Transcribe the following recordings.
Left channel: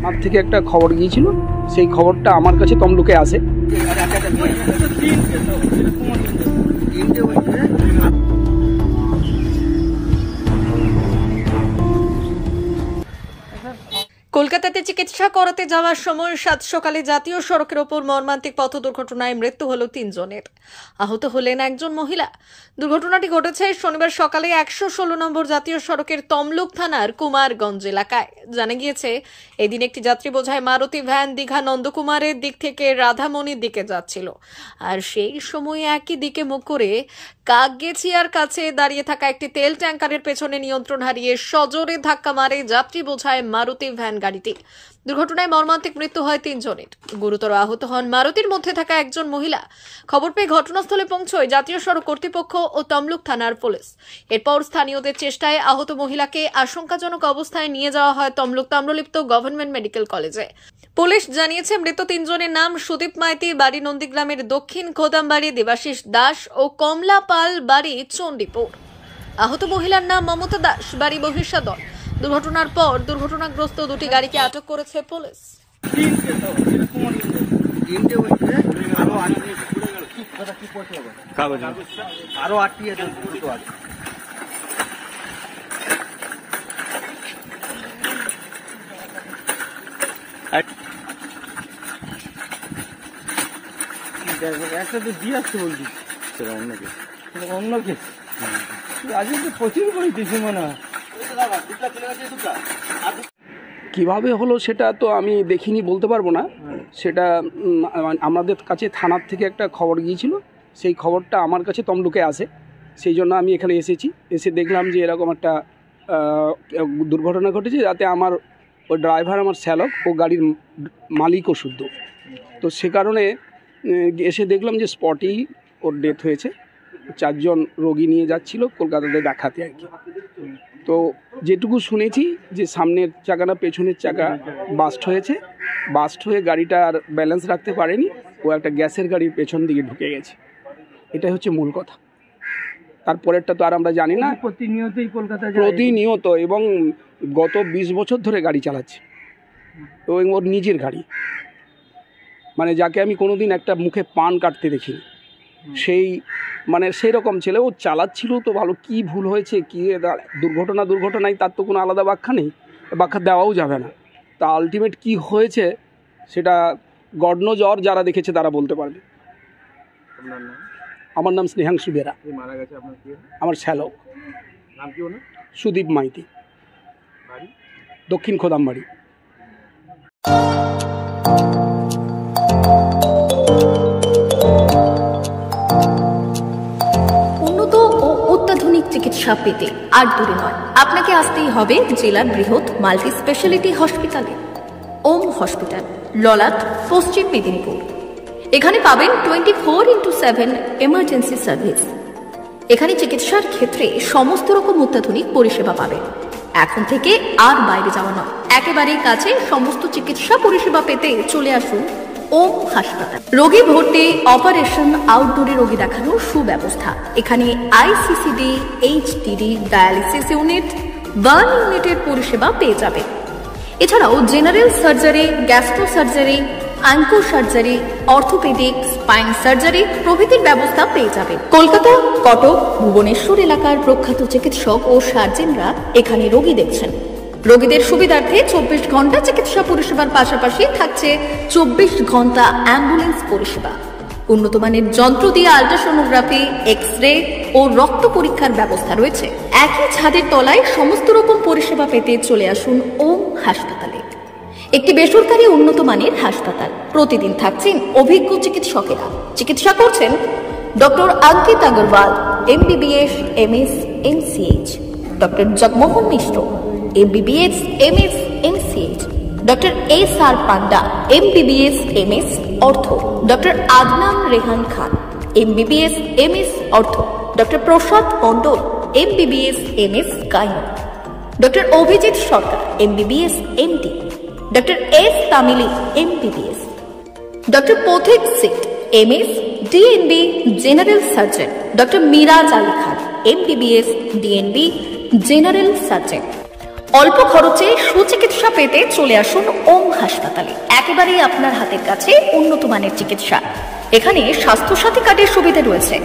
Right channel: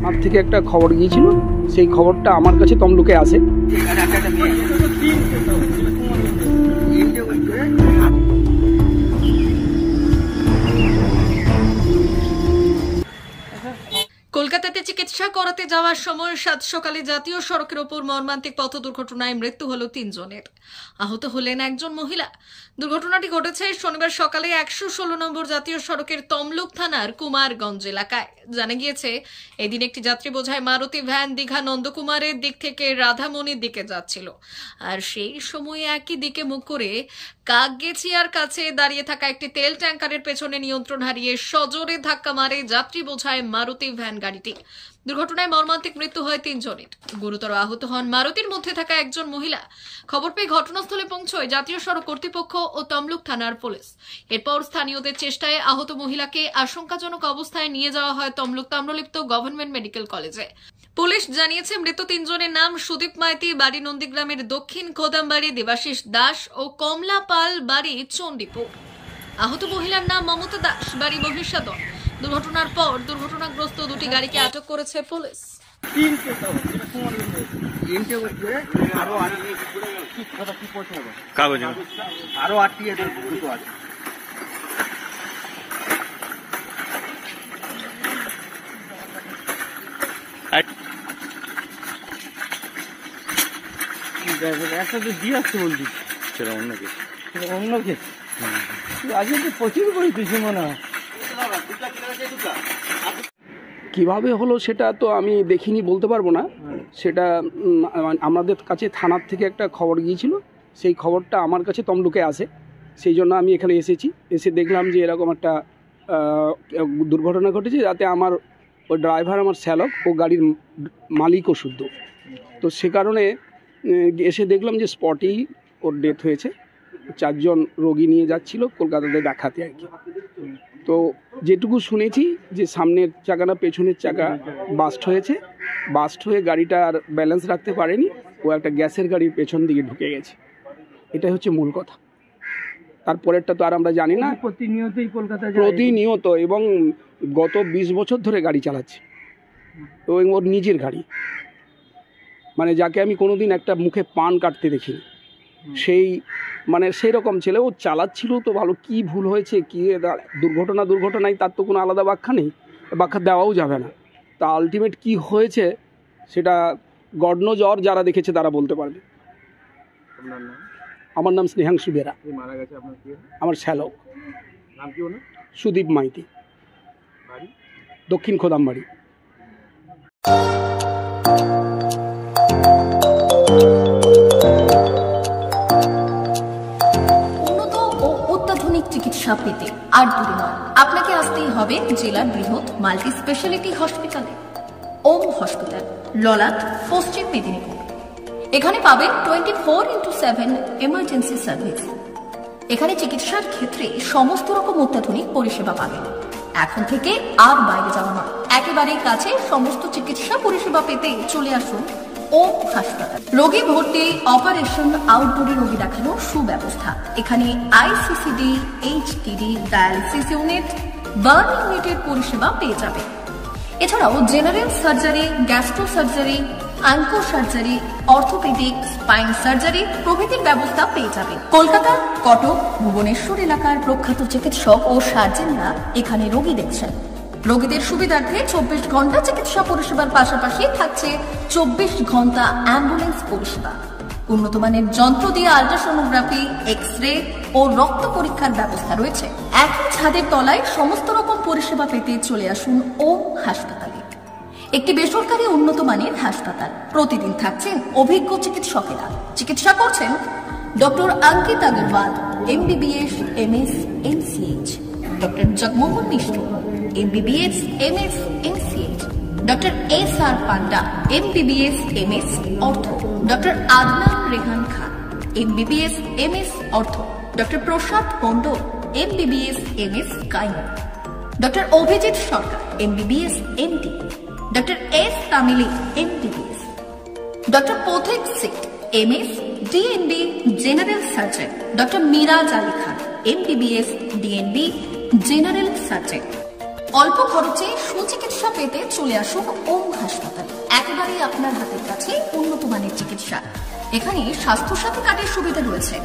আমার থেকে একটা খবর গিয়েছিল, সেই খবরটা আমার কাছে তমলুকে আসে। কলকাতাতে চিকিৎসা করাতে যাওয়ার সময় সাত সকালে জাতীয় সড়কের ওপর মর্মান্তিক পথ দুর্ঘটনায় মৃত্যু হল ৩ জনের। আহত হলেন একজন মহিলা। দুর্ঘটনাটি ঘটেছে শনিবার সকালে ১১৬ নম্বর জাতীয় সড়কের তমলুক থানার কুমারগঞ্জ এলাকায়। জানা গিয়েছে, এদিন একটি যাত্রী বোঝাই মারুতি ভ্যান দীঘা নন্দকুমারের দিক থেকে রাধামণির দিকে যাচ্ছিল। আর সেই সময় একই দিকে মুখ করে কাকগেছিয়ার কাছে দাঁড়িয়ে থাকা একটি তেল ট্যাঙ্কারের পেছনে নিয়ন্ত্রণ হারিয়ে সজোরে ধাক্কা মারে যাত্রী বোঝায় মারুতি ভ্যান গাড়িটি। দুর্ঘটনায় মর্মান্তিক মৃত্যু হয় ৩ জনের। গুরুতর আহত হন মারুতির মধ্যে থাকা একজন মহিলা। খবর পেয়ে ঘটনাস্থলে পৌঁছয় জাতীয় সড়ক কর্তৃপক্ষ ও তমলুক থানার পুলিশ। এরপর স্থানীয়দের চেষ্টায় আহত মহিলাকে আশঙ্কাজনক অবস্থায় নিয়ে যাওয়া হয় তমলুক তাম্রলিপ্ত গভর্নমেন্ট মেডিকেল কলেজে। পুলিশ জানিয়েছে, মৃত ৩ জনের নাম সুদীপ মাইতি, বাড়ি নন্দীগ্রামের দক্ষিণ খোদামবাড়ি, দেবাশিস দাস ও কমলা পাল, বাড়ি চণ্ডীপুর। আহত মহিলার নাম মমতা দাস, বাড়ি বহিষ্যাদল। দুর্ঘটনার পর দুর্ঘটনাগ্রস্ত দুটি গাড়িকে আটক করেছে পুলিশ। একটা তো দিয়ে আসতে বলছি, সেটা অন্য কেস, অন্য কেস। আজকে তো প্রচুর করে কিছু মনে হয়। কিভাবে হলো সেটা তো আমি দেখিনি, বলতে পারবো না। সেটা আমাদের কাছে থানার থেকে একটা খবর গিয়েছিল, সেই খবরটা আমার কাছে তমলুকে আসে। সেই জন্য আমি এখানে এসেছি। এসে দেখলাম যে এরকম একটা দুর্ঘটনা ঘটেছে, যাতে আমার ওই ড্রাইভার, আমার শ্যালক ও গাড়ির মালিকও শুদ্ধ। তো সে কারণে এসে দেখলাম যে স্পটেই ওর ডেথ হয়েছে। 4 জন রোগী নিয়ে যাচ্ছিল কলকাতাতে দেখাতে আর কি। তো যেটুকু শুনেছি যে সামনের চাকা না পেছনের চাকা বাস্ট হয়েছে, বাস্ট হয়ে গাড়িটা আর ব্যালেন্স রাখতে পারেনি, ও একটা গ্যাসের গাড়ির পেছন দিকে ঢুকে গেছে। এটাই হচ্ছে মূল কথা। তারপরেরটা তো আর আমরা জানি না। প্রতিনিয়তই কলকাতা প্রতিনিয়ত, এবং গত 20 বছর ধরে গাড়ি চালাচ্ছে, এবং ওর নিজের গাড়ি, মানে যাকে আমি কোনোদিন একটা মুখে পান কাটতে দেখিনি, সেই মানে সেই রকম ছেলে। ও চালাচ্ছিল তো ভালো, কি ভুল হয়েছে, কি দুর্ঘটনায় তার তো কোনো আলাদা ব্যাখ্যা নেই, ব্যাখ্যা দেওয়াও যাবে না। তা আলটিমেট কি হয়েছে সেটা গড নোজ, যারা দেখেছে তারা বলতে পারবে। আমার নাম স্নেহাংশু বেরা। আমার শ্যালক সুদীপ মাইতি, দক্ষিণ খোদামবাড়ি। উন্নত ও অত্যাধুনিক চিকিৎসা পেতে আর দূরে নয়, আপনাকে আসতেই হবে জেলার বৃহৎ মাল্টি স্পেশালিটি হসপিটালে, ওম হসপিটাল, ললাট, পশ্চিম মেদিনীপুর। এখানে পাবেন 24x7 এমার্জেন্সি সার্ভিস। এখানে চিকিৎসার ক্ষেত্রে সমস্ত রকম অত্যাধুনিক পরিষেবা পাবেন। এখন থেকে আর বাইরে যাওয়া নয়, একেবারেই কাছে সমস্ত চিকিৎসা পরিষেবা পেতে চলে আসুন ওম হাসপাতাল। রোগী ভর্তি, অপারেশন, আউটডোরে রোগী দেখানোর সুব্যবস্থা। এখানে ICCD, HDD, dialysis unit, burn ইউনিটের পরিষেবা পেয়ে যাবে। এছাড়াও general surgery, gastro surgery, onco surgery, orthopaedic, spine surgery প্রভৃতির ব্যবস্থা পেয়ে যাবে। কলকাতা, কটক, ভুবনেশ্বর এলাকার প্রখ্যাত চিকিৎসক ও সার্জেনরা এখানে রোগী দেখছেন। রোগীদের সুবিধার্থে 24 ঘন্টা চিকিৎসা পরিষেবার পাশাপাশি থাকছে 24 ঘন্টা অ্যাম্বুলেন্স পরিষেবা। উন্নত মানের যন্ত্র দিয়ে আল্ট্রাসোনোগ্রাফি, এক্স-রে ও রক্ত পরীক্ষার ব্যবস্থা রয়েছে। একই ছাদের তলায় সমস্ত রকম পরিষেবা পেতে চলে আসুন ওম হাসপাতালে। একটি বেসরকারি উন্নত মানের হাসপাতাল। প্রতিদিন থাকছেন অভিজ্ঞ চিকিৎসকেরা। চিকিৎসা করছেন doctor Ankit Agarwal, MBBS, MS, MCH, doctor Jagmohan Mishra, MBBS, MS, MCH, doctor SR Panda, MBBS, MS, ortho, doctor Adnan Rehan Khan, MBBS, MS, ortho, doctor Prasad Mondal, MBBS, MS, gyno, doctor Abhijit Sarkar, MBBS, MD, doctor S Tamili, MBBS, doctor Pathik Sit, MS, DNB, general surgeon, doctor Miraj Ali Khan, MBBS, DNB, general surgeon. অল্প খরচে সুচিকিৎসা পেতে চলে আসুন ওম হাসপাতালে। একেবারেই আপনার হাতের কাছে উন্নত মানের চিকিৎসা। এখানে স্বাস্থ্যসাথী কার্ডের সুবিধা রয়েছে।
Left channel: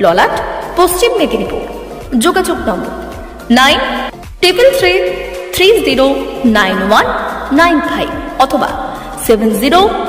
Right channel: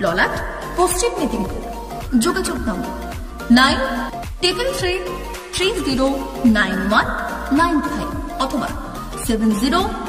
ললাট, পশ্চিম মেদিনীপুর। যোগাযোগ নম্বর 9333309195 অথবা 70